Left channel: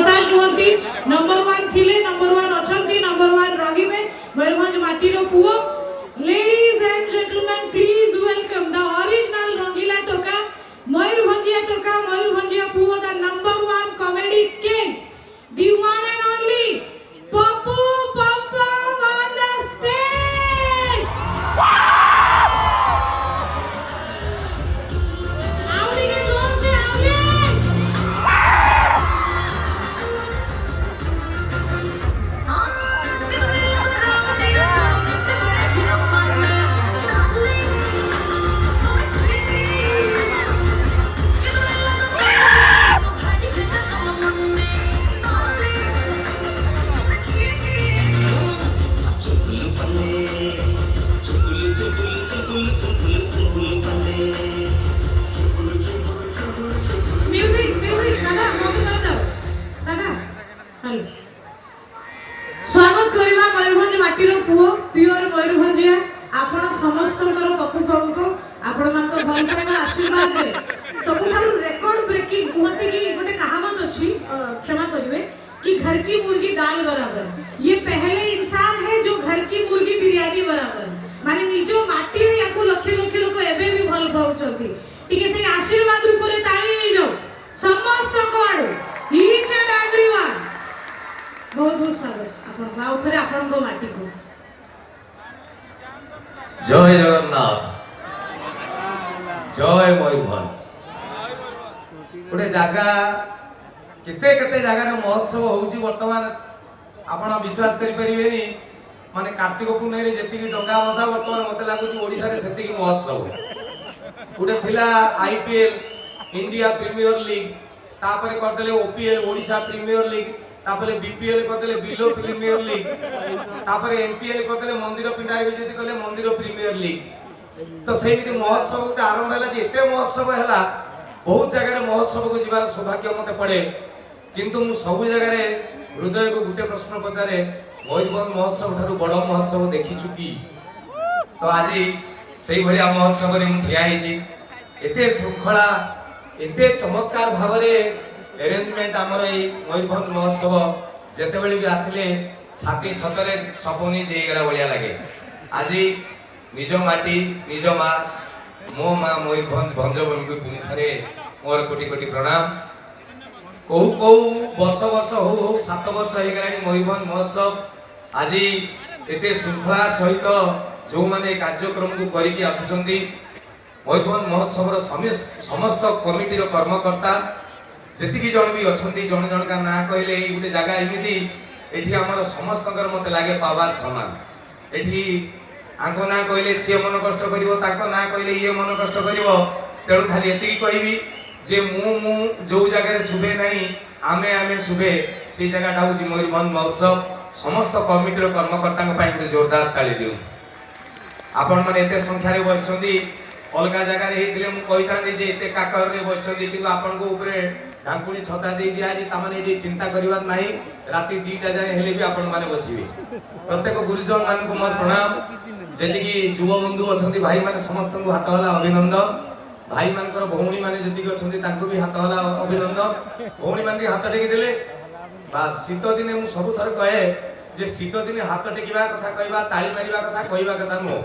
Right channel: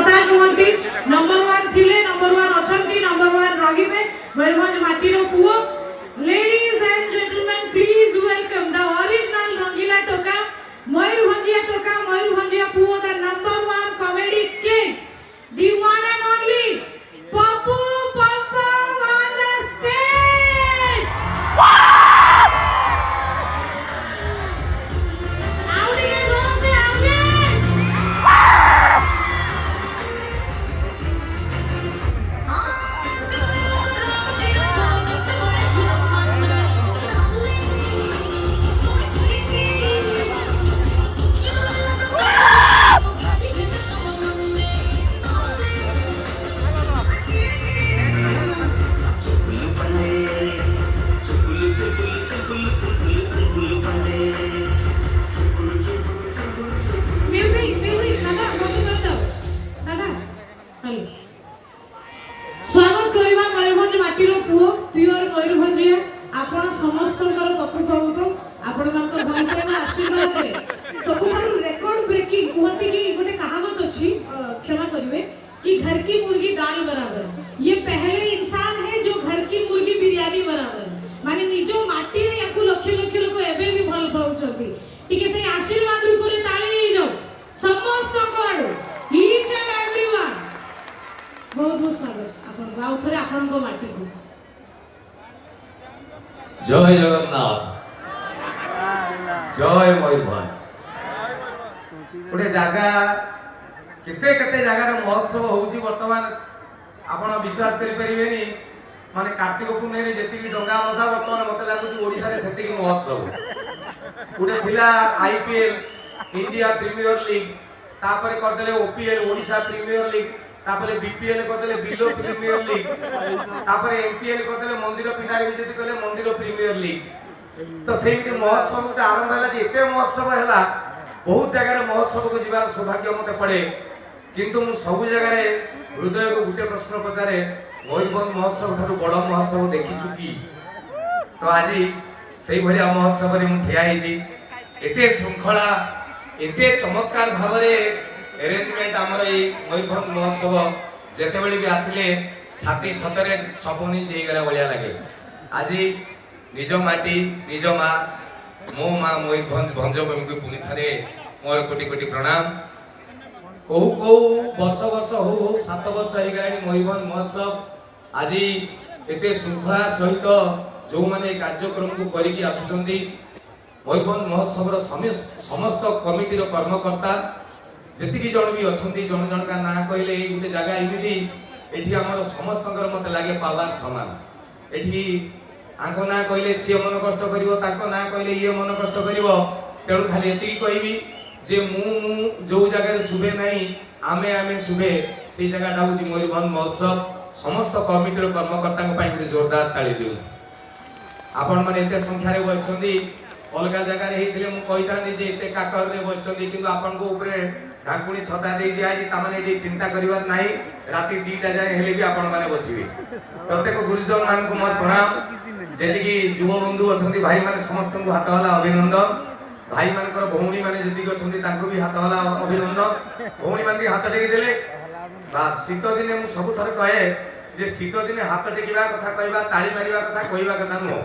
हताश नुहति नंबर 1 थिले number 1 अछंती number 1 रहिबे मयूरभंज माटीरो पुओ ladies and gentleman please welcome the original Rangila टोका मयूरभंजिया पुओ the number 1 comedy king the one and only Papu Pampam on the stage. Howdy guys, all say howdy. स्वागत करवा मयूरभंज माटीर पुओ प्योर मयूरभंजिया आपण समस्तकर पप्पू पंप आपण मानकर भल पाइबा आशीर्वाद रे सबुठारु रेकॉर्ड ब्रेकिंग कहते कि गोटे कहावत अछि क्षमा करिवे कि घर की मुर्गी दाल बराबर ये पहले इंसान है जो घर की मुर्गी बिरयानी बराबर माने निजो माटी रे याको लक्ष लक्ष लोक एबे भी भल पाउछथि टिके से आशीर्वाद रूप रे ताली हे जो समस्त कोड ईच एंड एवरीवन बहुत बहुत स्वागत आपण गाँव थरे आपण को माटी को जय जगन्नाथ जय मयूरभंज गोटे जगह केते केते जगार महोत्सव होउची वर्तमान आपण विश्वास करि परिबेनी माने कार्तिक पुनई रे जेतिकी डंगा भसा वर्तमान मते लागुची ओडिसा रे सेतिकी महोत्सव गोटे थिला आईपीएल इंडिया प्रीमियर लीग तापरे कर देले ओपीएल ओडिसा प्रीमियर लीग तापरे बीपीएल कर देले बिलो प्रीमियर लीग तापरे एमपीएल कर देले मंदिर पिंडारी विजेती कले मंदिर प्रीमियर लीग तो सेमिति महोत्सव के आरंभ हला जे एते महोत्सव हला बहुत जगह महोत्सव को जीवार सौभाग्य मते पड़े किंतु मु सब जगह हृदय को गोटे प्रश्न पचारे मयूरभंज महोत्सव ठारू बड़ महोत्सव देखी चुकी तो आज से भाया महोत्सव में ठिया एते श्रृंखला एते चमत्कार भाव अरेंजमेंट आमर मयूरभंज महोत्सव जिते बड़े भी आसिले छाती सतरे छपनी जेगला भाया लगे आज निज माटी निज माँ मो माँ मयूरभंज भंजभूमि को पुणी थे मोर कोटि कोटि प्रणाम कौ कौ वर्ष वर्ष हो 7 वर्ष हो गला मयूरभंज महोत्सव आज एते श्रृंखला सहित जो माने कार्यक्रम को करिकी आसुचंती मयूरभंज महोत्सव समस्त कमिटीर कर्मकर्ता जेतिकी जन भी अछंती जन जन का ना कहले ए गोटे जगह एमिति एठी हमर समस्तकर मते लागे पावर समान एठी आंको ना कहले सी मन कष्ट करिवो ताको ना कहले ये मन कष्ट करिवो तेणु खाली एतिकी कहबी जे मु जो जगह शुभे नहीं आमे आमे शुभे से जगह हूँ मयूरभंज महोत्सव समस्त कमिटीर कर्मकर्ता गोटे जोरदार ताली दिउ आपण मैंने एत संख्यार बस अलग जगार होती जे एत काकर बस कि आपण को ऊपर ढाकुणी छता दे दिखाई चिंता करार ना राति 2टा जाए हेले भी आपण मैंने बसवे प्रत्येक गुरुजन मान को मोर प्रणाम जी युव बंधु अच्छा भाई मैंने समस्त को हाथ हला अभिनंदन भाई मानकर भौणी माने जति अच्छा भी हाथ हला अभिनंदन भौणी मान हाथ टेकी देले बास शीत दिने मु सब थर कहे जे शीत दिने हाथ टेकिबा कथा कहबा ताली मारिबा कथा कहबा कथा नो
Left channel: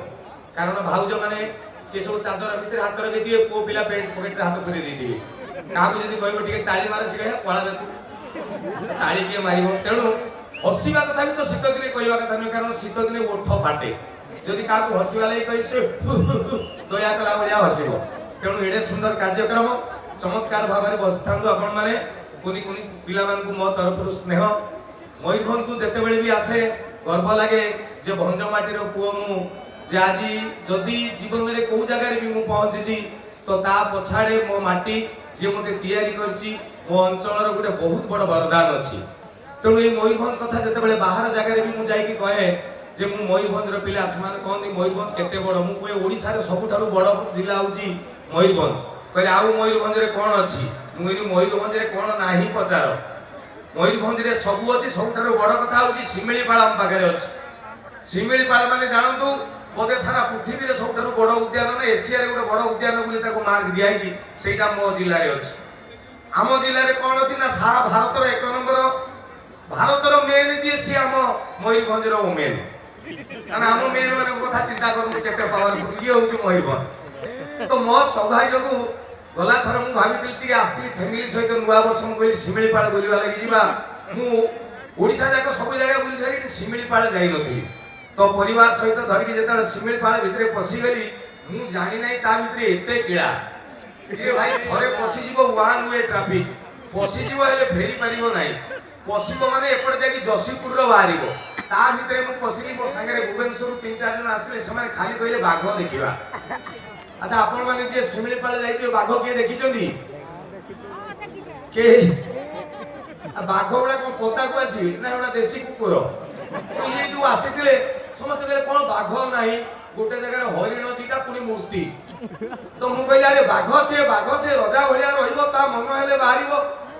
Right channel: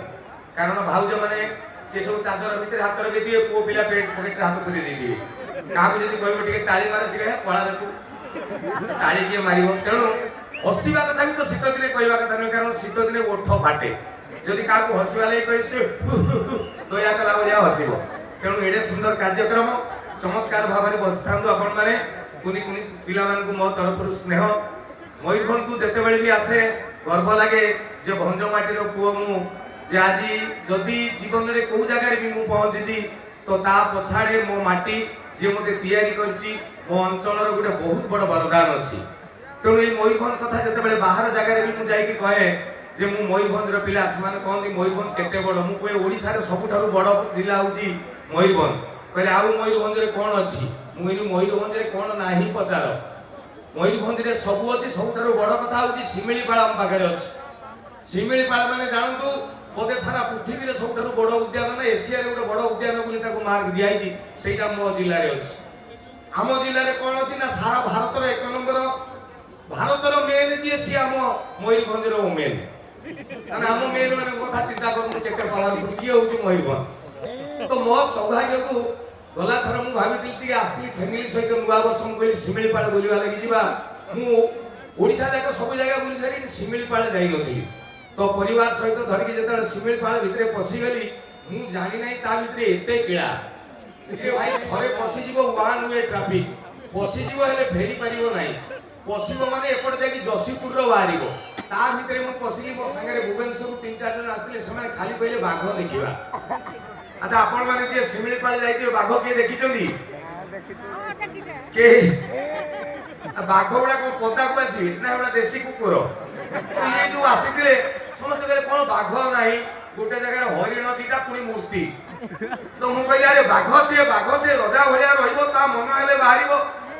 कारण भाउज माने से सब चादर भितर हाथ रखी दिए पो पिला पेट पॉकेट हाथ पुरी दे दिए काबू जदी कहबो टिके ताली मारे सिखे पळा रे तू ताली के मारिबो तेणु हसीबा कथा भी तो शीत दिने कहबा कथा नहीं कारण शीत दिने ओठ फाटे जदी काकू हसीबा ले कहि से दया कला बया हसीबो तेणु एडे सुंदर कार्यक्रम चमत्कार भाव में बसथांदु आपण माने कुनी कुनी पिला मान को मो तरफ स्नेह मयूरभंज को जते बेले भी आसे गर्व लगे जे भंज माटीर पुओ मु जे आज जदि जीवन में कौ जगह भी मु पहुंची तो ता पछाड़े मो माटी जे मते तैयारी करची मो अंचल गोटे बहुत बड़ वरदान अच्छी तेणु ये मयूरभंज कथा जते बेले बाहर जगह भी मु जाई कहे जे मु मयूरभंज पिला से कहते मयूरभंज केते बड़ मु कहे ओडिसा रे सबुठारु बड़ जिला होची मयूरभंज कहले आउ मयूरभंज रे कोन अछि मु एनी मयूरभंज रे कोन नाही पचार मयूरभंज रे सबु अछि सबुठारु बड़ कथा होची शिमिलीपाल हम पाखरे अछि शिमिलीपाल माने जानंतु बोधे सारा पृथ्वी रे सबुठारु बड़ उद्यान ना एशिया रे गोटे बड़ उद्यान बोली ताको मार्क दिया हिची सेटा मो जिल्ला रे अछि आम जिल्ला रे कोन अछि ना सारा भारत रे 1 नंबर ଭାରତର ମେନ୍ ଯିଏ ସିଏ ଆମ ମୟୂରଭଞ୍ଜର ଓମେନ୍। କାରଣ ଆମ ମେନ୍ ମାନଙ୍କ କଥା ଚିନ୍ତା କରନ୍ତୁ କେତେ ପାୱାରଫୁଲ, ଇଏ ହଉଛି ମୟୂରଭଞ୍ଜ। ତ ମୋ ସୌଭାଗ୍ୟକୁ ଗଲା ଥର ମୁଁ ଭାବିଥିଲି ଟିକେ ଆସିଥିଲି ଫ୍ୟାମିଲି ସହିତ ନୂଆ ବର୍ଷ, ମୁଁ କହିଲି ଶିମିଳିପାଳ ବୁଲିବା ଲାଗି ଯିବା। ମୁଁ ଓଡ଼ିଶା ଯାକ ସବୁ ଜାଗା ବୁଲି ସାରିକି ଶିମିଳିପାଳ ଯାଇନଥିଲି। ତ ପରିବାର ସହିତ ଧରିକି ଯେତେବେଳେ ଶିମିଳିପାଳ ଭିତରେ ପଶିଗଲି, ମୁଁ ଜାଣି ନାହିଁ ତା ଭିତରେ ଏତେ କିଳା। ଭାଇ ଥରେ ପଶିଯିବ ୱାନ୍ ୱେ ଟ୍ରାଫିକ, ପଶିଯିବ ହେଲେ ଫେରି ପାରିବ ନାହିଁ। ପଶିବ ମାନେ ଏପଟେ ଯାଇକି ଯଶୀପୁରର ବାହାରିବ। ତା ଭିତରେ ମୁଁ ପଶିଲି, ମୋ ସାଙ୍ଗରେ ଭୁବନେଶ୍ୱରରୁ 3-4 ଜଣ ଆସିଥିଲେ, ସେମାନେ ଖାଲି କହିଲେ ବାଘ ଦେଖିବା। ଆଚ୍ଛା ଆପଣ ମାନେ ଯିଏ ଶିମିଳିପାଳ ଯାଇଥିବେ ବାଘ କିଏ ଦେଖିଛନ୍ତି? କେହି? ବାଘ ଗୁଡା କଣ ପଦାକୁ ଆସିବେ ନା ଏଗୁଡା ଦେଶୀ କୁକୁର? ଇଏ ଯୋଉ ଆସିଥିଲେ ସମସ୍ତେ କହିଲେ କଣ ବାଘ ନାହିଁ, ଗୋଟେ ଜାଗାରେ ହରିଣ ଦିଟା ପୁଣି ମୂର୍ତ୍ତି। ତ ମୁଁ କହିଲି ଆରେ ବାଘ ସେ ରଜା ଭଳିଆ ରହିବ, ତା ମନ ହେଲେ ବାହାରିବ।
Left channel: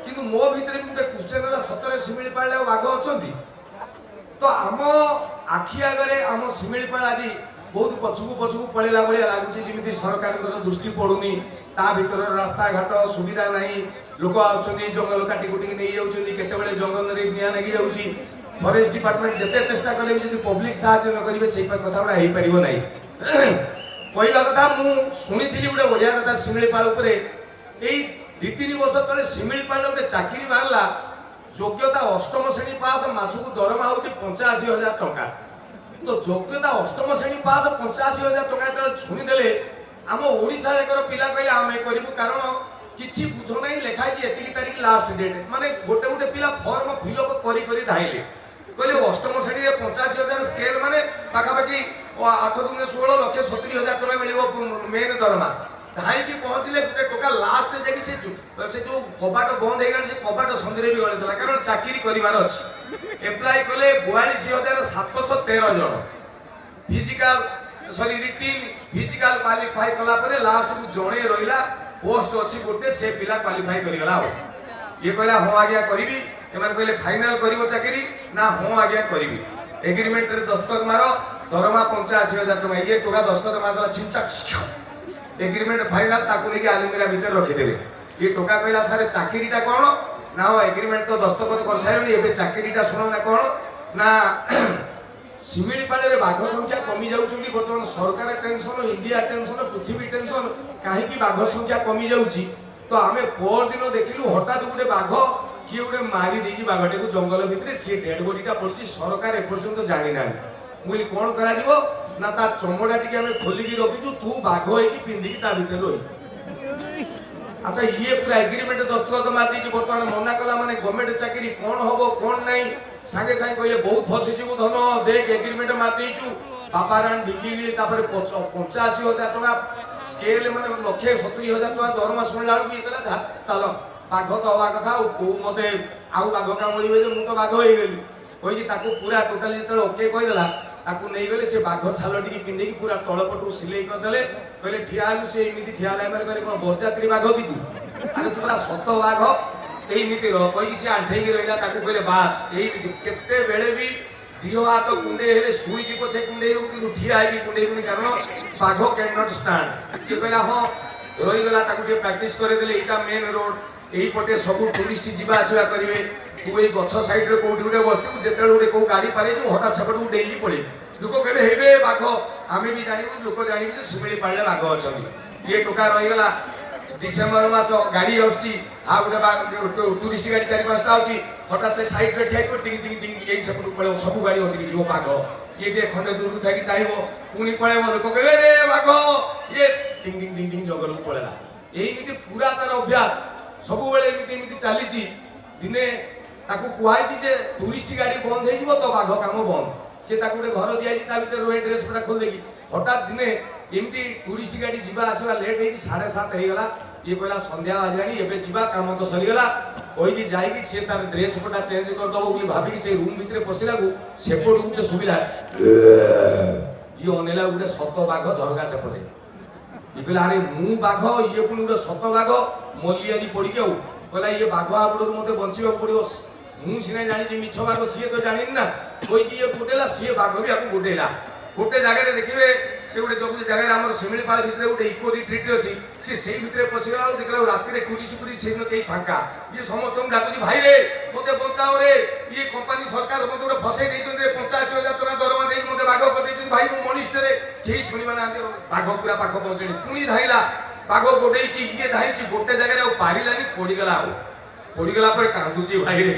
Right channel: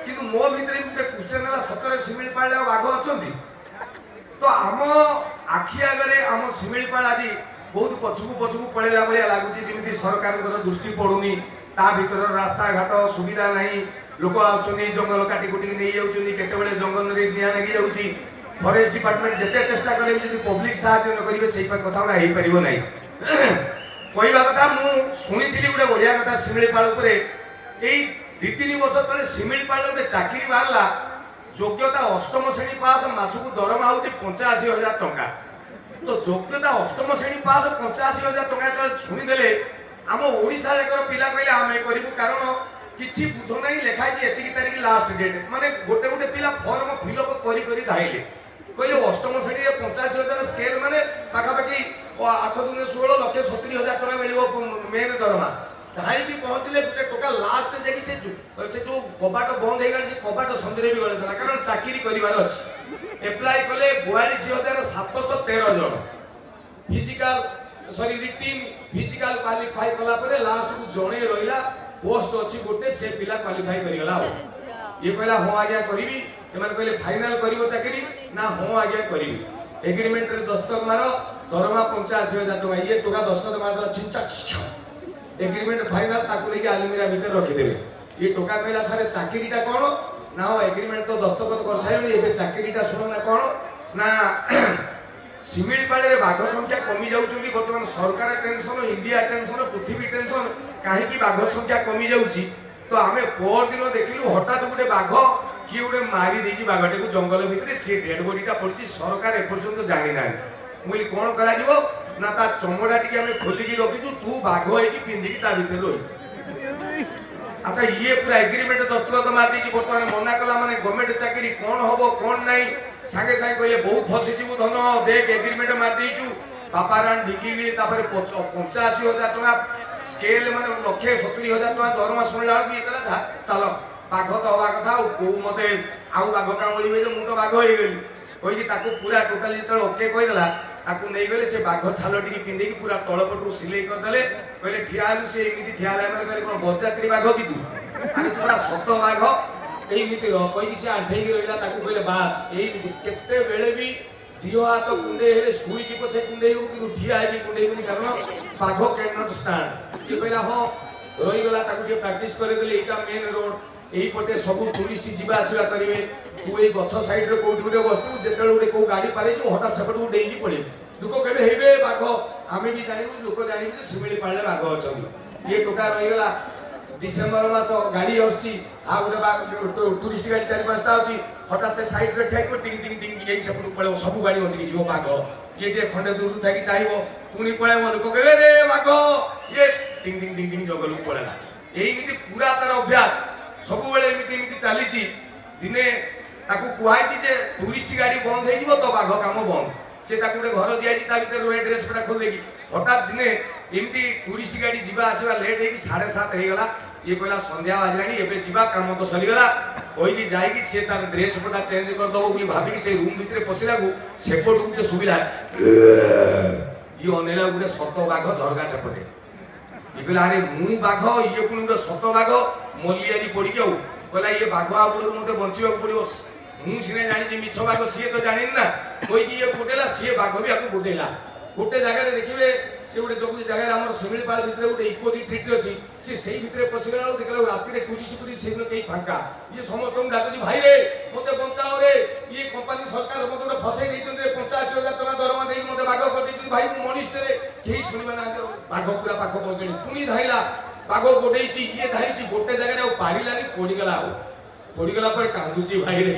କିନ୍ତୁ ମୋ ଭିତରେ ଗୋଟେ କ୍ୱେଶ୍ଚନ ହେଲା, ସତରେ ଶିମିଳିପାଳରେ ବାଘ ଅଛନ୍ତି? ତ ଆମ ଆଖି ଆଗରେ ଆମ ଶିମିଳିପାଳ ଆଜି ବହୁତ ପଛକୁ ପଳେଇଲା ଭଳିଆ ଲାଗୁଛି, ଯେମିତି ସରକାରଙ୍କର ଦୃଷ୍ଟି ପଡୁନି। ତା ଭିତରର ରାସ୍ତାଘାଟ ସୁବିଧା ନାହିଁ, ଲୋକ ଆସୁଛନ୍ତି ଜଙ୍ଗଲ କାଟି କୁଟିକି ନେଇ ଯାଉଛନ୍ତି, କେତେବେଳେ ଜଙ୍ଗଲରେ ନିଆଁ ଲାଗି ଯାଉଛି। ଫରେଷ୍ଟ ଡିପାର୍ଟମେଣ୍ଟ ଯେତେ ଚେଷ୍ଟା କଲେ ବି ଯଦି ପବ୍ଲିକ ସାହାଯ୍ୟ ନ କରିବେ ସେଇ କଥା ଗୁଡ଼ା ହେଇପାରିବ ନାହିଁ। କହିବା କଥା, ମୁଁ ଶୁଣିଥିଲି ଗୋଟେ ବଢିଆ କଥା ଶିମିଳିପାଳ ଉପରେ। ଏଇ 2-3 ବର୍ଷ ତଳେ ଶିମିଳିପାଳରେ ଗୋଟେ ଚାକିରି ବାହାରିଲା, ଯୋଗ୍ୟତା 8ମ ଶ୍ରେଣୀ ପାସ୍, ମାସକୁ ଦରମା ହଉଛି 85,000 ଟଙ୍କା। ତ ଯୋଗ୍ୟତା 8ମ ଶ୍ରେଣୀ ପାସ୍ 85,000 ଟଙ୍କା ଯେତେବେଳେ ଶୁଣିଦେଲେ, ଆମ ଓଡ଼ିଶା ଯାକର ପିଲା କହିଲେ ଆମେ କରିବୁ। କାରଣ କିଛି ବୁଝ ନାହିଁ, ଲେଖା ହେଇଛି ଏତିକି ତାରିଖ ଲାଷ୍ଟ ଡେଟ୍। ମାନେ ଗୋଟେ ପିଲା ଫର୍ମ ଫିଲ୍ଅପ୍ କରି ଧାଇଲେ, କହିଲେ 8ମ ଶ୍ରେଣୀରେ 85,000 ସ୍କେଲ ମାନେ ପାଖାପାଖି 8×2=1,70,000 ଟଙ୍କା ମିଳିବ ମେନ୍ ଦରମା। ଧାଇକି ପହଞ୍ଚିଲେ ଗୋଟେ ଟୋକା ଲାଷ୍ଟ ଯାଇକି ସେ ଯୋଉ କବାଟ ବନ୍ଦ ହେଇଗଲା, ସେ କବାଟ ସନ୍ଧିରେ ବି ଗଳିଥିଲା, କାରଣ ଚାକିରି କରିବାର ଅଛି। ଏପ୍ଲାଏ କଲେ 42,713 ଜଣ। ରିଟିନ୍ ଫିଜିକାଲ କ୍ୱାଲିଫାଇ କଲା ପରେ ଲାଷ୍ଟକୁ ଜଣେ ରହିଲା, ପୋଷ୍ଟ ଅଛି ଗୋଟେ, ସେ ପିଲା କ୍ୱାଲିଫାଇ କରିଗଲା। ଆଉ ଇଏ କହିଲା ହଁ ଆଜ୍ଞା କରିବି। ଏମାନେ କହିଲେ ଫାଇନାଲ କରିବ ଚାକିରି ନା? ହଁ ଆଜ୍ଞା କରିବି। ଏଗ୍ରିମେଣ୍ଟରେ ଦସ୍ତଖତ ମାର, ଦରମା 85,000 ଟଙ୍କା। ଇଏ ଟୋକା ଦସ୍ତଖତ ମାରିଦେଲା, ଛିଞ୍ଚା ଏଗ୍ରିମେଣ୍ଟ ଫାଇନାଲ, ତାକୁ ନେଇକି ଆଲମିରା ଭିତରେ ରଖିଦେଲେ। ଇଏ ଟୋକା କହିଲା ସାର୍ ଚାକିରିଟା କଣ? ନା ହଁ ଏଗ୍ରିମେଣ୍ଟ ତ ଦସ୍ତଖତ କରିସାରିଲଣି, ଏବେ ଚାକିରିଟା ଶୁଣ ନା କଣ ନା ଶିମିଳିପାଳରେ ବାଘ ସଂଖ୍ୟା କମି ଯାଉଛନ୍ତି ବର୍ତ୍ତମାନ। ସରକାର ଟେନସନ, ଇଣ୍ଡିଆ ଟେନସନ, ପୃଥିବୀ ଟେନସନ, କାହିଁକି ବାଘ ସଂଖ୍ୟା କମି ଯାଉଛି? ତ ଆମେ ପରଦିନ ଦେଖିଲୁ ହଠାତ୍ ଗୋଟେ ବାଘ କିଏ ଗୋଟେ ମାରି ଦେଇଛି ବାଘଟାକୁ ଜଙ୍ଗଲ ଭିତରେ, ସିଏ ଡେଡ୍ ବଡିଟା ପଡିଛି। ସରକାର ଏପର୍ଯ୍ୟନ୍ତ ଜାଣିନାହାନ୍ତି। ମୁଁ କହିଲି କଣ କରାଯିବ ନା ତା ଚମଡା ଟିକେ ଆମେ ଖୋଲିକି ରଖିଛୁ, ତୁ ବାଘ ହେଇକି ପିନ୍ଧିକି ତା ଭିତରେ ରହିବୁ। ଆଚ୍ଛା ଇଏ ପୁରା ଏଗ୍ରିମେଣ୍ଟ ଦସ୍ତଖତ ମାରିଦେଇଛି, ବର୍ତ୍ତମାନ ମନା କଲା ମାନେ ଗଭର୍ଣ୍ଣମେଣ୍ଟ ଚାକିରି କଣ ହବ କଣ ନାହିଁ। ସାଙ୍ଗେ ସାଙ୍ଗେ କହିଲେ ବହୁତ ଫସିଯିବୁ ଧନ, ଦେଖ ଏଗ୍ରିମେଣ୍ଟ ମାରିଦେଇଛୁ। ବାପାରାଣ ଢିକିକି ତାପରେ 85,000 ଟଙ୍କା ସ୍କେଲ, ମାନେ 1,70,000 ଟଙ୍କା ଦରମା ଶୁଣିଲା ବେଳକୁ ଇଏ କହିଲା ଚାଲ ବାଘ ତ ହବା କଥା, ଆଉ କୋଉ ମତେ ଆଉ ବାଘ କାମୁଡ଼ିବେ ଯେ ମୁଁ ତ ବାଘ ହେଇଗଲି କହିକି ତାକୁ ପୁରା ଟୋଟାଲି ଯେତେବେଳେ ଓକେ କହିଦେଲା, ତାକୁ ନେଇଗଲେ। ସେ ବାଘ ଛାଲ ଟିକେ ପିନ୍ଧିକି ପୁରା ତଳପଟୁ ସିଲେଇ କରିଦେଲେ। କହିଲେ ଠିଆ ହେଲୁ, ସେ ଏମିତି ଠିଆ ହେଲା। ଏମାନେ କହିଲେ କଣ ବରଯାତ୍ରୀ ବାଘ କି ତୁ? ଆରେ ତୁ ପୁରା ସତ ବାଘ, ଏଇମିତି ରହ କହିକି ସେ ଆଣ୍ଠେଇକି ରହିଲା। ତାକୁ କହିଲେ ବାସ୍ ଏଇମିତି। କେତେବେଳେ ବି ଦିହ ହାତ କୁଣ୍ଡେଇ ହେଲେ ଶୁଇକି ପଛେ କୁଣ୍ଡେଇ ହବୁ, କିନ୍ତୁ ଠିଆ ହେଇକି କୁଣ୍ଡେଇବୁନି, କାରଣ ବାଘ କ୍ୟାନ୍ ନଟ୍ ଷ୍ଟାଣ୍ଡ। କିଏ କହିଲା ହଁ ରହିଗଲା। ତାକୁ ଟିକେ ପ୍ରାକ୍ଟିସ କରେଇଦେଲେ। ଏଇଟା ମେନ୍ ରୋଡ, ଏଇପଟେ ସବୁ ଟୁରିଷ୍ଟ ଯିବା ଆସିବା କରିବେ। ତୁ ଏଇ ଗଛ ସାଇଡରେ କୋଉଠି ଗୋଟେ ବସିଥିବୁ, ଯେତେବେଳେ ଗୋଟେ କୋଉ ଗାଡି ପାରେଇଯିବୁ ହଠାତ୍ ସେପଟକୁ ଡେଇଁକି ପଳେଇବୁ। ଲୋକ କହିବେ ହେଇବେ ବାଘ, ଆମେ ବି ଜାଣିବୁ, ଲୋକ ଜାଣିବୁ ଯେ ଶିମିଳିପାଳରେ ବାଘ ଅଛନ୍ତି। ଇଏ ଟୋକା ରହିଗଲା। ଡିସେମ୍ବର ମାସ ଗାଡି ଆସୁଛି, ଆଉ ଗୋଟେ ଟୁରିଷ୍ଟ ଗାଡି 4-5ଟା ଆସୁଛି, ହଠାତ୍ ସେ ସାଇଡରେ ଠିଆ ହେଇଥିବ, ଟିଙ୍ଗ ଟିଙ୍ଗ ଟିଙ୍ଗ ଟିଙ୍ଗ ସେପଟକୁ ପଳେଇବ, ସବୁ ଗାଡି ଅଟକି ଯିବ। ବାଘ ଇଏ ଟିକେ ଖଣ୍ଡେ ଦୂରରୁ ଥାଇକି ଚାହିଁବ, ପୁଣି ପଳେଇବ। ଲୋକ କହିବେ ରେ ବାଘ, ଇଏ ଟିଙ୍ଗ ଟିଙ୍ଗ ଟିଙ୍ଗ ଟିଙ୍ଗ ଜଙ୍ଗଲକୁ ପଳେଇଲା। ଏଇମିତି ପୁରା ତାର ଅଭ୍ୟାସ, ସବୁବେଳେ ଏମିତି ଚାଲିଛି। ଦିନେ ତାକୁ କୁହାଯାଇଛି ଯେ ଟୁରିଷ୍ଟ ଗାଡି ବନ୍ଦ ହେଇଯିବ ତ ବାଘ କାମ ବନ୍ଦ। ସେ ତାକୁ ଗୋଟେ ଘର ଦିଆଯାଇଛି, ତା ଭିତରେ ରହି ଡ୍ରେସ୍ ପଟା ଖୋଲି ଦେଇକି। ହଠାତ୍ ଦିନେ ଏମିତି ଟୁରିଷ୍ଟ ଗାଡି ଯିବା ଆସିବା ଲେଟ୍ ହେଇକି 7:30 ହେଇଗଲା। ଇଏ କହିଲା ସନ୍ଧ୍ୟା ବାଜିଲାଣି, ଏବେ ଯିବା, କାମ ତ ସରିଗଲା କହିକି ଯାଇକି ସିଏ ତାର ଡ୍ରେସ୍ ପଟା ଚେଞ୍ଜ କରିଦବ ବୋଲି ଭାବିକି ସେ ରୁମ୍ ଭିତରେ ପଶିଲାକୁ ସେପଟୁ ଗୋଟେ ସୁବିଧା। ଇଏ ଅନେଇଲା, ଗୋଟେ ସତ ବାଘ ଝରକା ସେପଟେ। ଇଏ କହିଲା ଆରେ ମୁଁ ବାଘ, ଇଏ ପୁଣି ଗୋଟେ ସତ ବାଘ। ମଲି ଆଜି ପଡିକି ଆଉ କହିଲା ଇଏ ବାଘ ଆଗୁଡରୁ ମତେ ବଞ୍ଚିବାକୁ ପଡିବ। ମୁଁ ସିନା ଜାଣିଛି ମିଛ ବାଘ, ସିଏ ତ ଜାଣିନି ନା। କହିକି ଇଏ ଗୋଟେଇଲା, ସିଏ ବାଘ ବି ଆକୁ ଗୋଟେଇଲା। ଗୋଟେ ଜାଗାରେ ଦେଖିବେ, ସେ ଗୋଟେ ଯୋଉ ଜାଗାରେ ଆମର ଶିମିଳିପାଳ ଭିତରେ ଗୋଟେ ଇକୋ ରିଟ୍ରିଟ୍ ଅଛି, ସେ ସେଇ ଭିତରେ ପଶିଗଲା ବେଳକୁ ଦେଖିଲା ରାତିରେ ଟୁରିଷ୍ଟ ପୁରୀ ସେଦିନ କେହି ଫାଙ୍କା। ଇଏ ସମସ୍ତଙ୍କୁ ଡାକୁଛି ଭାଇରେ ମତେ ବଞ୍ଚାଅ ରେ, ଇଏ କମ୍ପାନୀ सरकार मत गोटे फसई देते 85,000 टका दरमा देकी मत बाघ कर भाई मु मनिष्ठरे केही सुनिबा ना बाघ पूरा पाख पहुंचनी पुणी धाइला बाघ गोडेची ये धाइची गोटे जगह आ पारिलानी पड़ीगला पर कांदुची भाई रे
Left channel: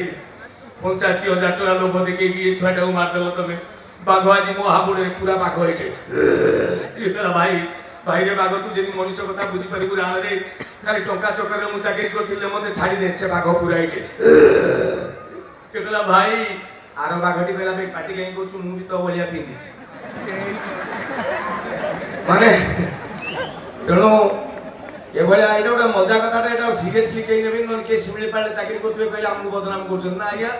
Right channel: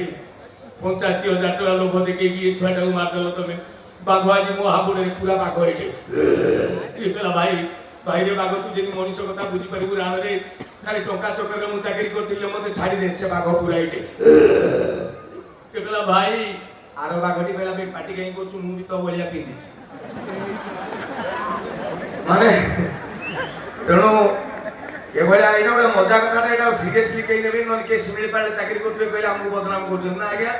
85,000 टका लोभ देखे ये छुआटा को मारदेलो तमे बाघ आज मो हाबुड़े पूरा बाघ होइछे भाई भाई रे बाघ तू जदि मनुष्य कथा बुझी पारिबु राण रे खाली टंका चक्कर रे मु चाकरी करथिले मते छाड़ी दे से बाघ पूरा होइछे कहला भाई आरो बाघटी कहला बे पाटी कहीं करछु मु भी तो बलिया पिंदिछि माने तेणु ए भलिया एटा गोटे मजा कथाटा एटा सीरियसली कहीं नेबे नन के सिमिलीपाल चाकरी करथबे कहले हमकु बदनाम करछन ना आज्ञा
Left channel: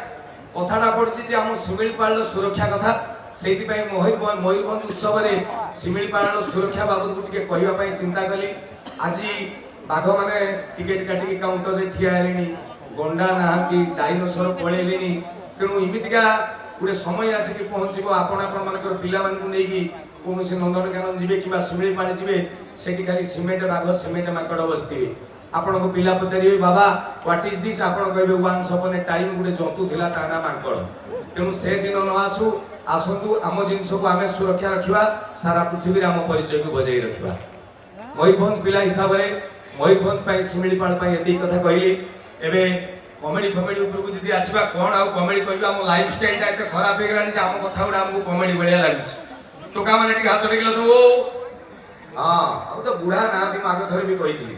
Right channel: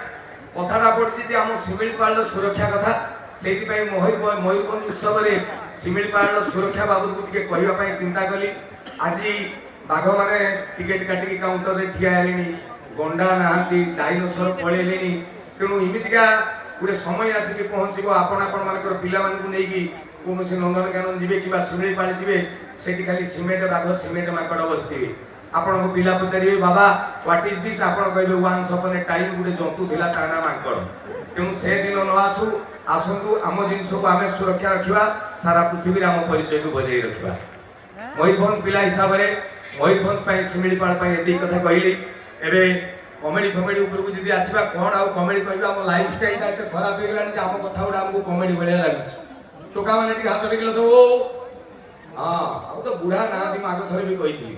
कथाटा पड़छि जे हम सिमिलीपाल सुरक्षा कथा सेति पई मयूरभंज उत्सव रे सिमिलीपाल सुरक्षा बाबत को टिके कहिबा पई चिंता कली आज बाघ माने टिकेट काटिकी काउंटर रे ठिया हेलेनी गंडा नाहांती डाइनोसर पळेलेनी तेणु इमितिका गोटे समय आसिक पहुँचब आपण मानकर पिला मानकु नेकी कौन से नंदनकानन जीवे कि शिमिलीपाल जीवे सेठी खाली सीमेंट बाघ सीमेंट माकड़ बसथिबे आपण को पिला पचारिबे बाबा व्हाट इज दिस आपण कहबे वन्स अपॉन ए टाइम गोटे जंतु थिला ता ना माकड़ तेणु से दिन न आसु आसंतु आम जिनस को आमे सुरक्षा रखिबा सारा पृथ्वी रे आम परिचय को बजाई रखिबा मयूरभंज पिला हिसाब रे मयूरभंज पई शिमिलीपाल पई एती कथा कहली एबे कमेडी फमेडी ऊपर को जदी आसीबा कोन आ कमेडी कहबा हम लाइफ स्टाइल ता एते खराब हे गेलानी जे हम कथा गुडा हमको कमेडी बढिया लागिछ टोका माने टी हाथ टेकिलो सब हां आ तो बुढ़ा ना दी माग थरे भी कहिथि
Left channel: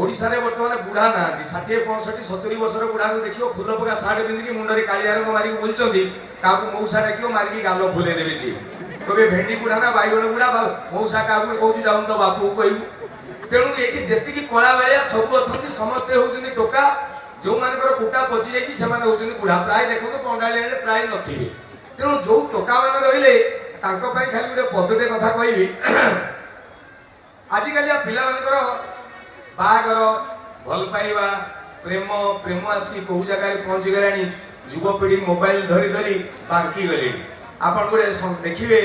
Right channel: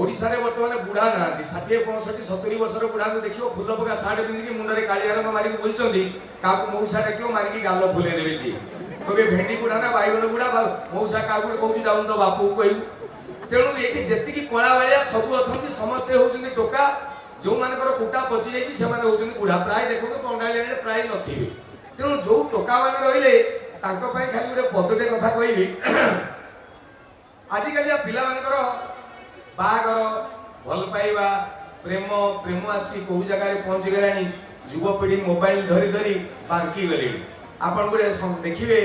ओडिसा रे वर्तमान बुढ़ा ना दी 60 65 70 वर्षर बुढ़ा को देखियो फुल पका साडे पिंदी की मुंडरे कालिया रंग मारी को बुलचंदी काकू मौसा डाकियो मारी की गालो फुले देबे सी तबे भेंडी बुढ़ा ना बाईगण बुढ़ा मौसा काकू कहूची जाउन तो बापू कहू तेणु ये जेति की कला वालिया सब अछंती समस्त होउचंदी टोका जो मानकर कुटा पचि जाइछि सेमाने होउचंदी बुढ़ा प्राय देखो तो पंडाली आले प्राय नथिबे तेणु जो टोका मान रहिले तांको पई खाली गोटे पदटे कथा कहबी आजि कालिया पिला मानकर बागर भल पाइबा प्रेम प्रेम आसी कहू जगह पहुंची गलानी युवपीढ़ी मोबाइल धरी धरी बांकी गले आपन गोटे देखिए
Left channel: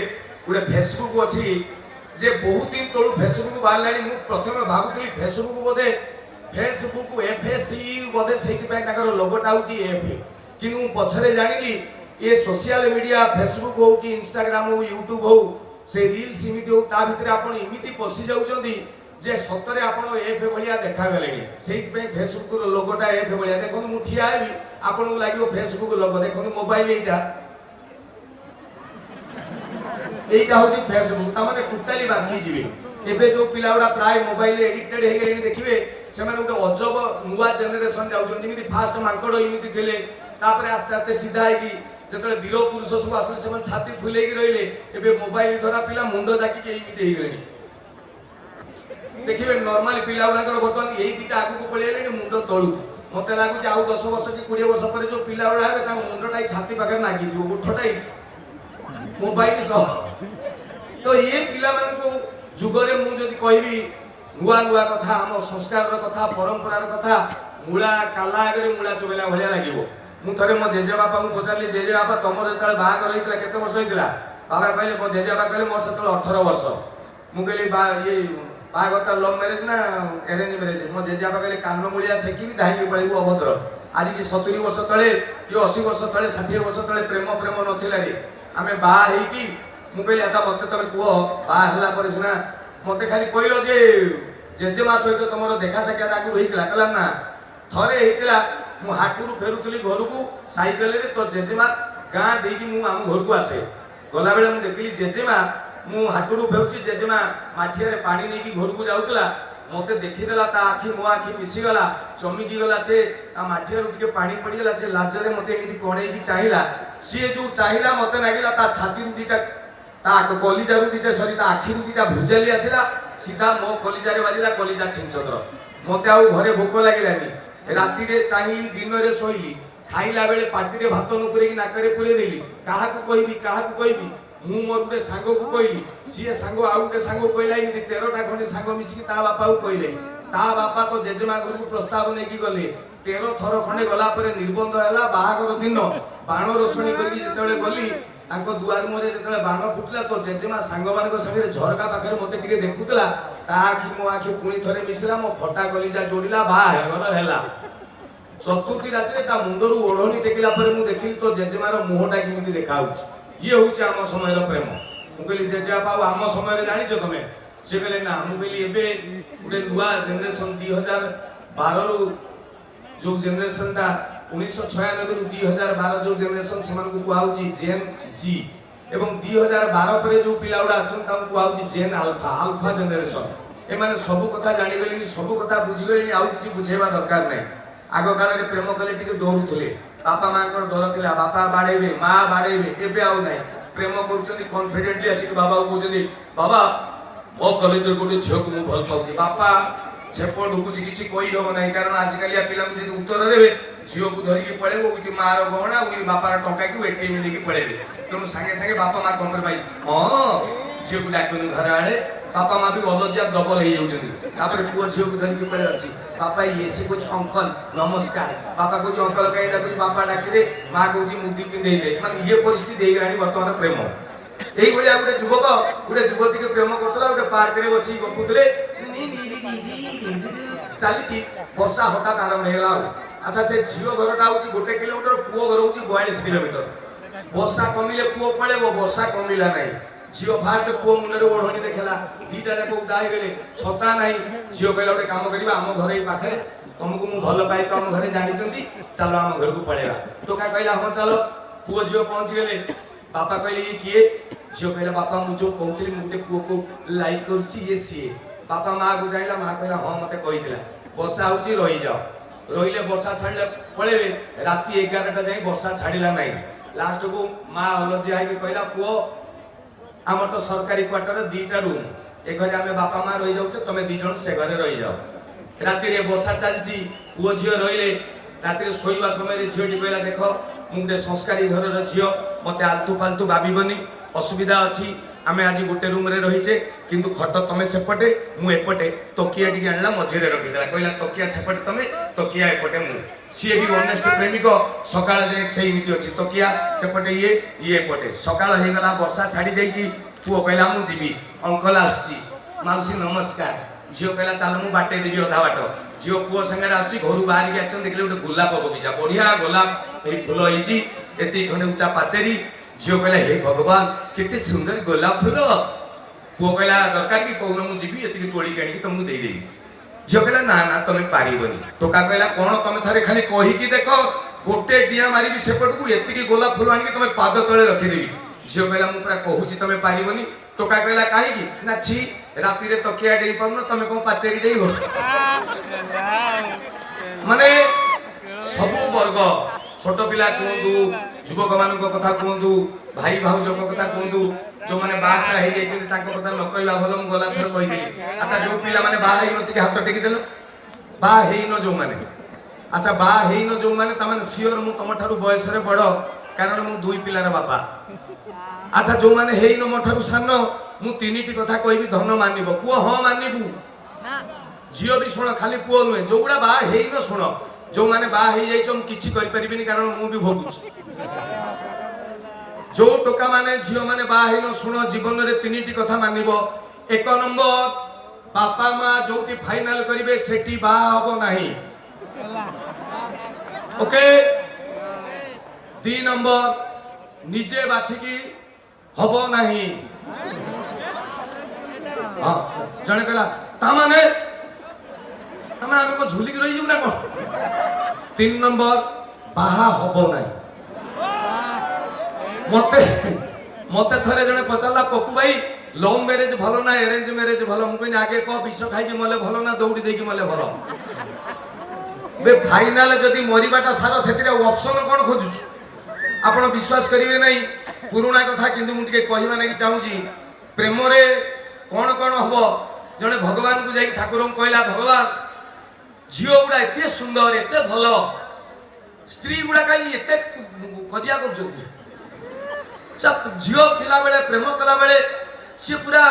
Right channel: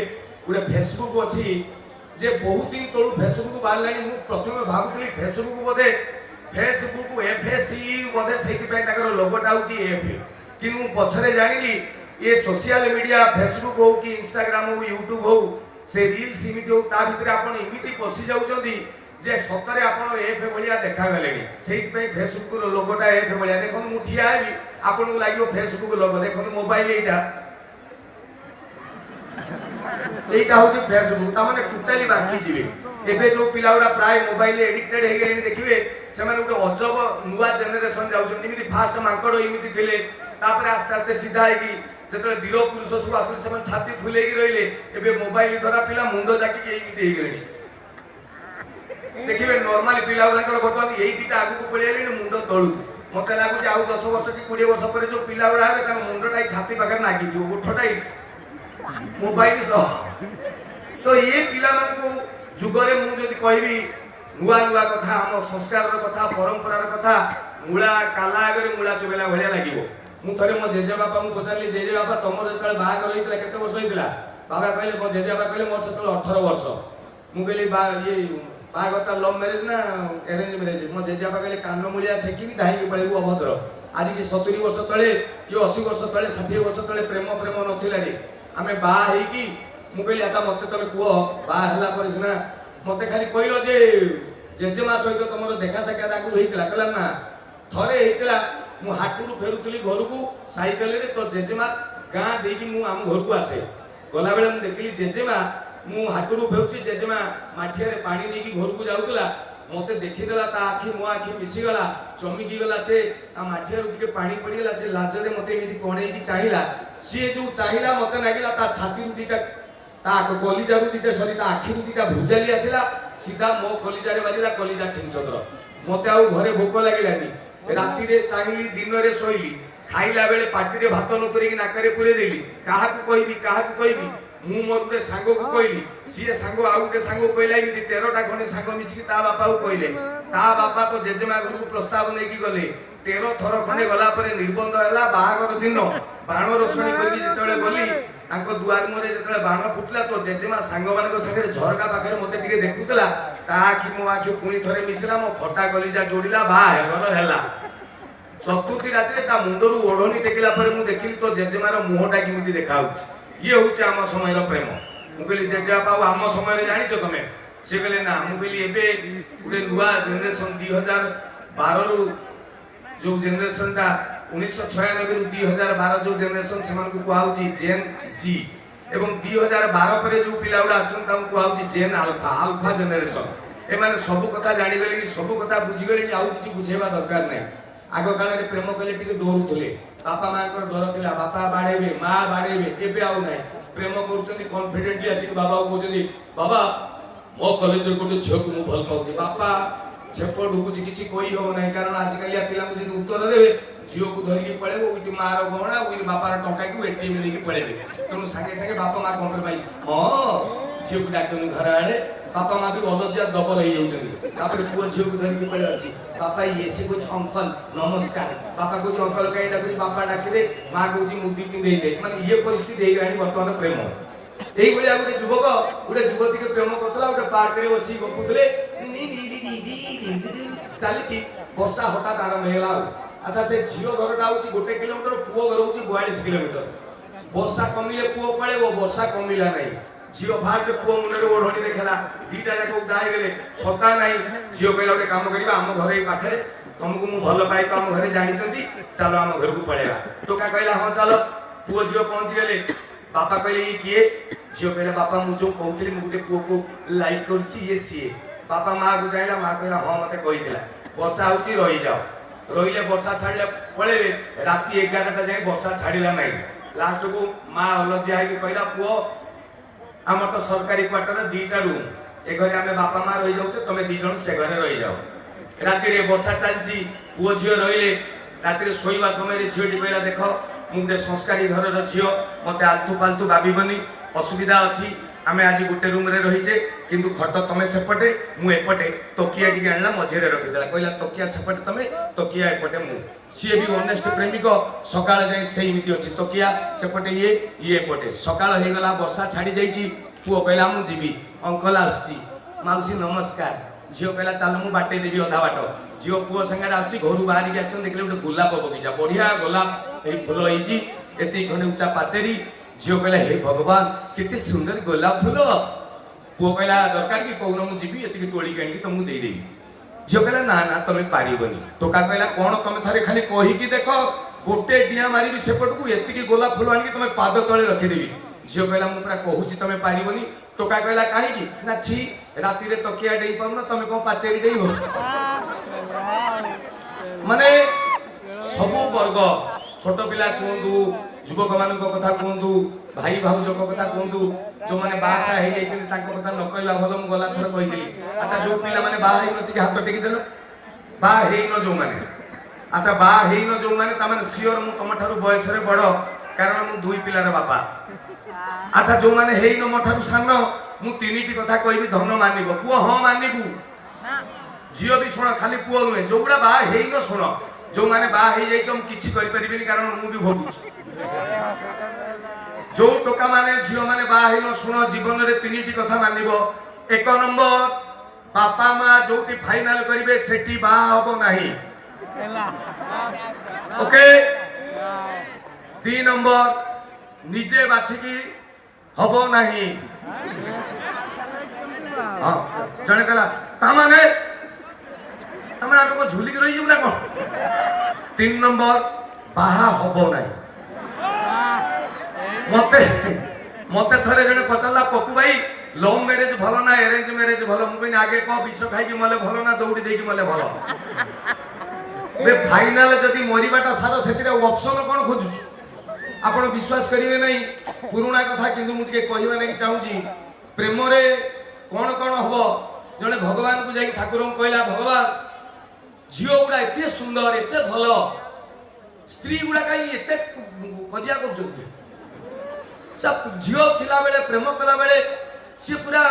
गोटे फेसबुक अच्छी जे बहुत दिन तलू फेसबुक बाहर मु प्रथम भावुली फेसबुक बोधे फेसबुक एफएसई बोधे से लोगोटा हूँ एफ कि पछरे जानी ये सोशल मीडिया फेसबुक हो कि इंस्टाग्राम हो यूट्यूब हो से रील्स इमिति हो ता भितर आपण इमिति पशि जाउछंदी जे सतरे आपण एफ भलिया देखा गले सेहि पे फेसबुक रो लोगोटा एफ भलिया देखन मु ठिया हेबी आपण को लागियो फेसबुक लोगो देखन मोबाइल एटा हूँ फेसबुक ता माने टोटाली बाकी जीवे एबे जो पिलाउडा प्राय मोबाइल एडिक्टेड हे गेले देखिबे से माने गोटे अजब नुवा जनरेशन जाउछन इमिति फास्ट मांकड़ इमिति थिले तापर आस्ते आस्ते सीधा हेगी जेतले वीर पुरुष सब आसले से छाती फुलेकी रहिले एबे मोबाइल धरा पिला मुंडो जाकी के इमिति हे गेलेनी देखिबे नॉर्मली पिला गुडाकर बर्तमान यही दीटा आगु को पळि आलेनी मुंडो तळु मते लागु जे आउ 10 वर्ष कि 20 वर्ष पर जो पिला गुडा हेबे ता मुंडोटाई छाती पाखर नागी दियो उठटाई मोबाइल सह तो ये पिला मन को जुगरे मु जदि कहबी नुआ नुआ कथा हम संस्कार रो कथा परंपरा रो कथा मूला काला आगे मूला चुबेला भलिया लागिवो मु थरे मो जेजे बापा को पचारली जेजे बापा तमर जतले बाहागर होइतला केते वर्ष होइतला बाबा कहले मो जेजे बापा कहले मोर सतले 18 वर्ष मु कहली बा ये बाहागर लव मैरिज ना अरेंज मैरिज मो जेजे बापा कहले कान मूलिया सेकी भी धाई के पळेबू अभद्र आज की 70 वर्ष तले कि 80 वर्ष तले 60 वर्ष तले प्रेम प्रेम नथिला रे आमे बा हेई की मु कहली अच्छा मते तमे कुओ बा हला पर सिना मते खाली कहलो जे जेजेमा सहित तमरो देखा साक्षात आगु होइतला कहला ना थरे होइतला मु हाटुरु फेरुतली घर को साइकेल रे तो जेजेमा गाँ देकी मु आम घर को आसे गला बेले मु देखली जेजेमा मु हाटुरु फेरुची जेजेमा माठिया रे पानी नेकी घर को जाउतला मते देखिदेला ता आखि मो आखि मिसी गला चमकी गला से ता माठिया रु टिके पानी पड़ी गला से लाजरे मते एमिति कोणेई की चाहिला सी जो चाहिला मते नागिला ता छाती रु दीटा ता कलिजा रु दीटा सरी ता आखि रु दीटा भुजाली आसिला सीधा मो कलिजा रे बाजिला कलिजा छिंचद्र मते आउ घरे भोक लागिलानी राति रे चाहिली दिन रे सोइली खाइला बेले पाटी रे भात न पुरेकी नाकरे पुरे देली काहा को कहबी मु मोर गुटे सांगो को कहली सी सांगो आउ गुटे सांगो कहला इमिति 13टा खने सांगो मिसिकी ता बापा को कहले ता बापा तो जेजेमा घर को प्रस्ताव नेकी गले 13 थर खने गला परे निर्बंध हैला बाहागर दिन बाण रोशनी करकी जेतेबेले गली तांको दुआर मोरे जेतेबेले बाण फुटला तो जेजेमा सांगो मानको संगे झरका पाखरे मते टिके देखुतला ता आखि मो आखि पुणी थरे मिसिला मो फटा कलिजा जोड़िला बा हेगर हैला चतुर्थी राति ता मुंडरू ओढ़नी टेकिला पर मु देखिली तो जेजेमार मुहटा केमिति देखा ये हूँ आम समय प्रेम मुझे जेजेबापा आम समय जानिच तुम सी कहले ना मुझे एवं गोटे नुआ जेनेरेशन 2012 रु जो जेनेरेशन टा 1996 रु 2012 जो जेनेरेशन से कहुची जेन जी एवं 2012 पर जो पिला गुड़ा आसुँच जेन आल्फा आल्फा जेनेरेशन एमाने सब कथा जानीगले सब कथा बुझीगले आउ कि बुझेबा दरकार नहीं आग काल में प्रेम कले टी डरुले बापा माँ डर था बापा बाड़े माँ बाड़े एवं आउ ना प्रेम कर कन्फिडेंटली आसिक बाबा को कहते बाबा मो कलेज गोटे झील को भल पाऊँ बापा छेप ढुकुची किसी कही हम ना कारण आजिकलिया पिला जी उत्तर देवे झील को धरिकी पलैब विथ मार गहना विथ बापार टंका को एटीएम लेकिन पलैबे तेणु सागे सागे बापा माँ कम्प्रोमाइज हाँ झील को डाकनी घर आड़े बापा माँ भी अलज्जा डबल हो जाती पुओ झील को धरिकी पड़े अच्छी बापा ये सी कुछ अंकल नमस्कार बापा कौन अंकल कहीं डाकुच बापा डाकिदे माँ कौन मुदी पिंधे दे माने ये परिस्थिति बर्तमान प्रेम यही गोटे युवक गोटे युवती के प्रेम करुला गोटे पार्क में बस गपुले चली वर्षा हठात आरंभ होगा अच्छा से झील घरटा हूँ 1 किलोमीटर पुओ घर हूँ 42 किलोमीटर वर्षा कमिले पुओ पड़े वर्षा कमिला ना झील फास्ट पुओ मुंडे ओढ़नी देखला दीटा जाक उदा गले छता ना झील कहला गोटे कम कर आम घर पाखे तुमको मुझे भल पाए तो आम घर जानी चलो आम घर को पलैया टोका कहला हाँ चलो पुओ झील पहुँची गले बापा कहले ये किए झील कहला बापा मुझे कहती गोटे पुओ को लाइक कर सीए बापा माँ को चाहिए माँ कहला हाँ मत कही वर्षा हूँ रही जाओ रही वर्षा छाड़े पलैबे राति 11टा जाए वर्षा छाड़ा ना लास्ट को माँ अलज्जा है कहला पुओ आम तो सरकारी क्वार्टर 2टा रूम ए घरे आम बापा माँ रही जाऊे तुम 2 जन से घरे रही जाओ राति वर्षा चलती पुओ झील रही राति शोवा समय झीलटी कहला देख मु गोटे संस्कारी घर झील मत आलतू फालतू भावनी असुविधा अच्छी आम आज गोटे रूम रे रहीचे किंतु खट तमें सेपटे मुपटे तकिया टी आनला मझे रखीदेला कहला तकिया सेपटे तमें तकिया एपटे मु सी भी ऑनेस्ट प्रेमिक सकाळ जाए से नीति अच्छी तकिया सेपटे ये एपटे सकाळ हो गला वर्षा छाड़ी जाइए पुओ कहला मु जीवी अंकल आसची माउसी नमस्कार झील कहला चल मु बाटे देवी अधा बाट झील पुओ संगे आसची घर बाहर आस देखले गोटे गोलाप बगीचा बढ़िया गोलाप ये फूल होती एति खंडे उच्चा पाचेरी झील कहला हे भगवान केते सुंदर गोलाप फूल पुओ कहला दरकार कि कौन मुझे ये तोड़िक आनिक तुमको देदेवी झील कहला ना ना तुम पारबनी टोका कहला कौन तुम थे खाली कहीकि देख गोटे डिया मारि सेपट को ये गोलाप फूल आनिक तुम पाद तले रखीदेवी झील कहला मुझे पूरा कहूँ तुम पारबनी टोका कहला कहीं ना छी राति तकिया डे पार तुम कौन पाचेरी डेब माने सबू वर्ग छोट पिला कहतु युवक मान कथा कहतु भाई भाउज कथा कहतु जो मैंने बासा हो कथा न कहवा भल मुझे गला थर कही अच्छा जो पिला माने बाहा नती हाथ टेकी देल बाहन जो मैंने अच्छा बाहन जो मैंने सियोर मु तुम ठार बयस बड़ कारण मु 2 पिलार बापा अच्छा जो मैंने हेन मो ठार सान मु 3टी कथा कहि धन मानब पुओ हाँ मानबू झील भी शुण खाली पुओ नुहे जो गुड़ा बाहन शुण जो मैंने बाहर किसी कारण मुझे भोगुची जो टोका माने झील माने बाहन शुण जीवन में 3टी कथा मानब 1 नंबर बापा माँ जो फाइनाल करेंगे से बाहब नहीं ओके 2 नंबर निजे बाछिकी हब नहीं हाँ जने कहला तामाने आम झुलिक रही ना कौन 3 नंबर बाहा हब नहीं मते मते थरे जने पचारा पप्पू भाई लव मैरेज भल ना अरेंज मैरेज भल मुझे आगे कह विष खाई मले भल ना दौड़ी देकी मले भल फाइनाल जदि मरवाटा सार से ऑप्शन कौन खोजु आप विश्वास करेंगे नहीं पुराणा कथा किंतु मुझे कहवा नहीं चाहूँगी प्रेम कौन कौन हम जड़े भगवान को जाकि ठाकुर कहला भगवान झील गुड़ा एत सुंदर एत भल स्त्री गुड़ा कहीं एत खजिया कर झील थिला बेले प्रेम कला बेले सी पूरा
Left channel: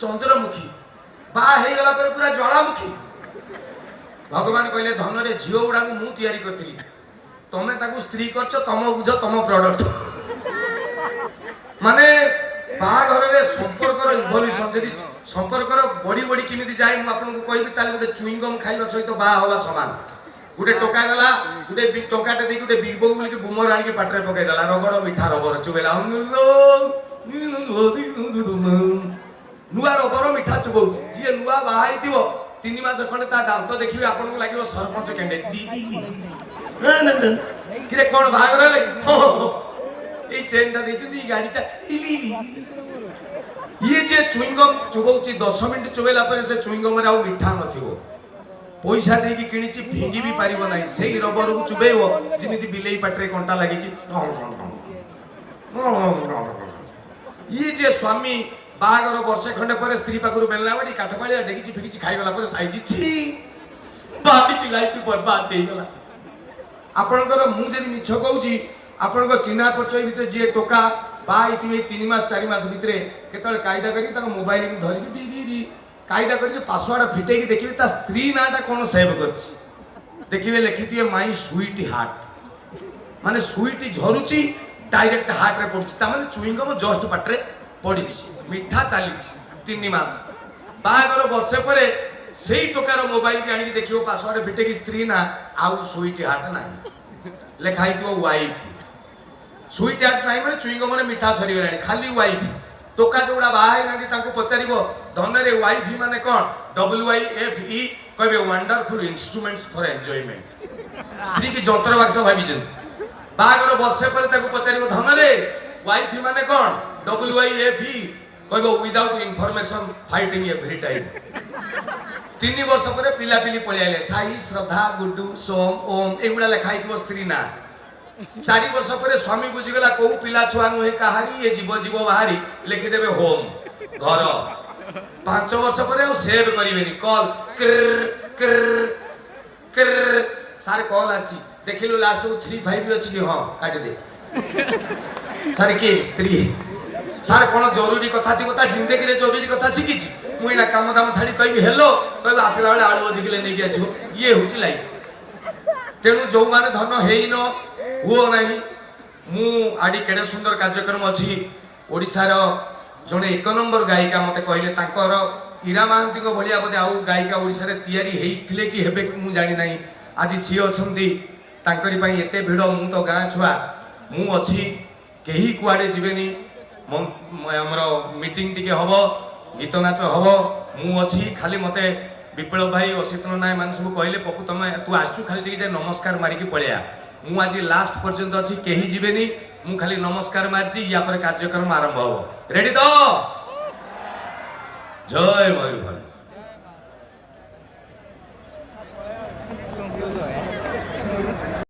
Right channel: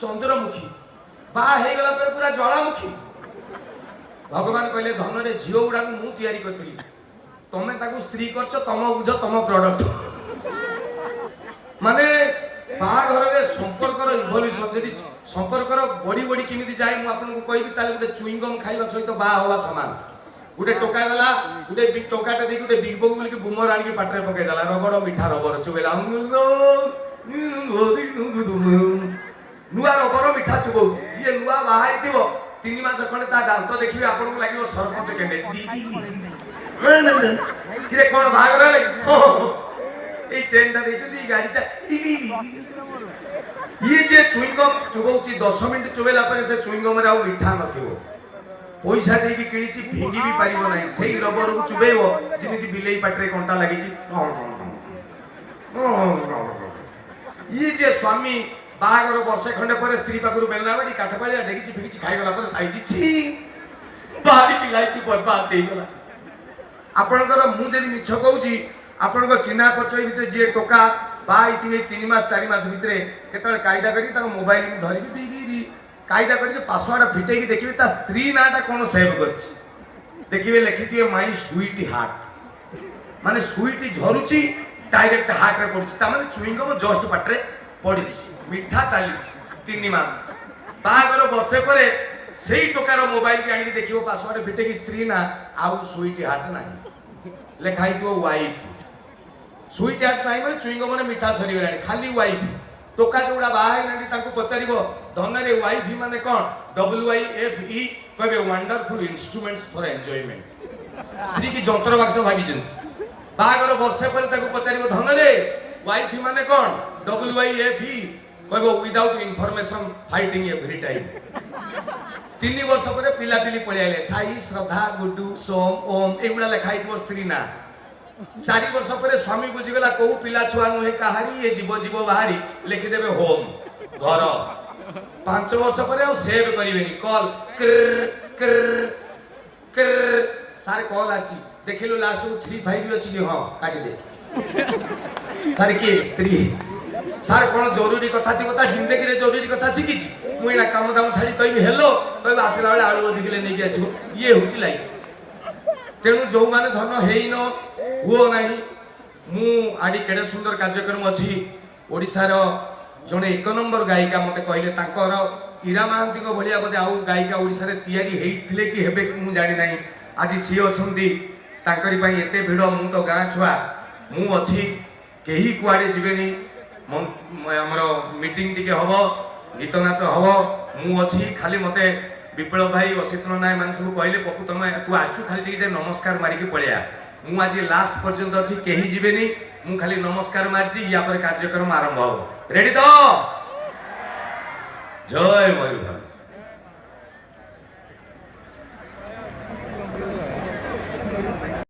चंद्रमुखी बाहा गला पूरा ज्वालामुखी भगवान कहले धन रे झील गुड़ा को मुझे तैयारी करी तमें ताकू स्त्री करछ तम बुझ तम प्रोडक्ट माने बाहाघर रे संपर्कर इवोल्यूशन जदि संपर्कर बड़ी बड़ी केमिति जाए मु आपन को कहबी ताले गोटे चुइंगम खाइबा सहित बाहा हवा समान गोटे टोका देला गोटे बिग टोकाटे देकी गोटे बिग बग बोलिकी बुमर आनिकी पाटरे पकाई देला रगड़ मिठा रबर चुबेला नुआ रबर मिठा चुबौची जी नुआ बाहाई दिवो 3 मास खंडे ता दांत देखिबे आपनको लागिवो सरपंच कैंडिडेट किरे कोन भागर ले এই চেনটা দিয়েছি এই গাড়িটা ये जे चुइंगम चुबौची 10 मिनिट चुबेला पर से चुइंगम रे आ मिठा नथिवो पैसा देकी किनिची फिंगी भी पारिबो नाही सेही रबर को चुबेइबो जिमिति बिलेई पाटरे कंटा लागिची ये जे स्वामी बाहागर वर्षे खंडे पर स्त्री पाखरु बेलना बाडी काठपाळिया डेगिची फिगिची खाइगला पर साइजी छी बाकी की लाइफ बर्बाद हेई गला आपनकर मु जदी मिछ कहूची आपनको चिन्हा परिचय भितर जे टोका बाई 3 मास 4 मास भितर केतल कायदा करी ता मोबाइल में धरि डी कायदा करी पासवर्ड फिटेकी देखिबे ता स्त्री नाटा कोन सेव करछि देखिबे लिखिथिबे माय स्वीट हार्ट माने स्वीट झरुची डायरेक्ट हार्ट रे पड़छि ता माने चुइंगम जस्ट पाटरे पड़िछि मिठा चालिछि 3 मास बागर वर्षे परे सेही टोकार मोबाइल के आनी देखिबो पासवर्ड फिटेकी स्त्री ना आउ स्वीट हार्ट नाही लेखाई दियो वाइफ स्वीट हार्ट नाही माने चुइंगम ने मिठा सरी गलानी खाली वाइफ टोका जोड़ा बाहाई नांदी ताको पचारिबो धनरे वाइफ माने कोन WIFE कहबे वंडरफुल इंस्ट्रूमेंट्स फॉर एन्जॉयमेंट स्त्री की जंत्र बाक्स भाबिजन बागर वर्षे पर ताको पचारिबो धनरे वाइफ माने कोन WIFE कहबो without information fighting every time 3 वर्ष पर पिला पिली पळि आले साई श्रद्धा गुड्डू सोम ओम एगुडा लेखाई दिवो स्त्री ना 4 वर्ष पर स्वामी बुझी गला को पिला छुआ नुहे कहारी ये जीव जीव बाहरी लिखि देबे होम घर 5 वर्ष पर सेव करिवेनी कॉल कर कर कर सारे कॉल आछि देखिलो लास्ट को 35 भी अछि कि हां काटी दे सारे के स्त्री सार कोन जरूरी कथा थी बता जिंदगी रे जरूरी कथा सिखी छी मुइना काम दाम छाडी कहबी हेलो कहबी आसिला बेले आळू अधिकले नै के आसीबो ये होची लाइफ तेणु जो माने धन हेइन हुओ नाही मु आडी केडे सुंदर कार्यक्रम अछि ओडिसा रो जने 1 नंबर गायिका मते कहले तांकर ईरा महांती को भलिया बदे आउ गायिका ओडिसा रे तयारी हेइथिले कि हेबे मु जानि नाही आज सी अछंती तांकरी पई एते भिडो मु तो गां छुआ मु अछि केही कुआडे जिबेनी हमरो मीटिंग टिके हबो गीत नाच हबो मु अछि खाली मते विप्लव भाई असितन नाय मान सब कहले पपु तमे तू आछू खाली जे नमस्कार मारी के पळिया मु आज लास्ट पर्यंत अछि केही जिबेनी मु खाली नमस्कार मारची या पर कार्यक्रम आरंभ हो रेडी तो जय मयूरभंज।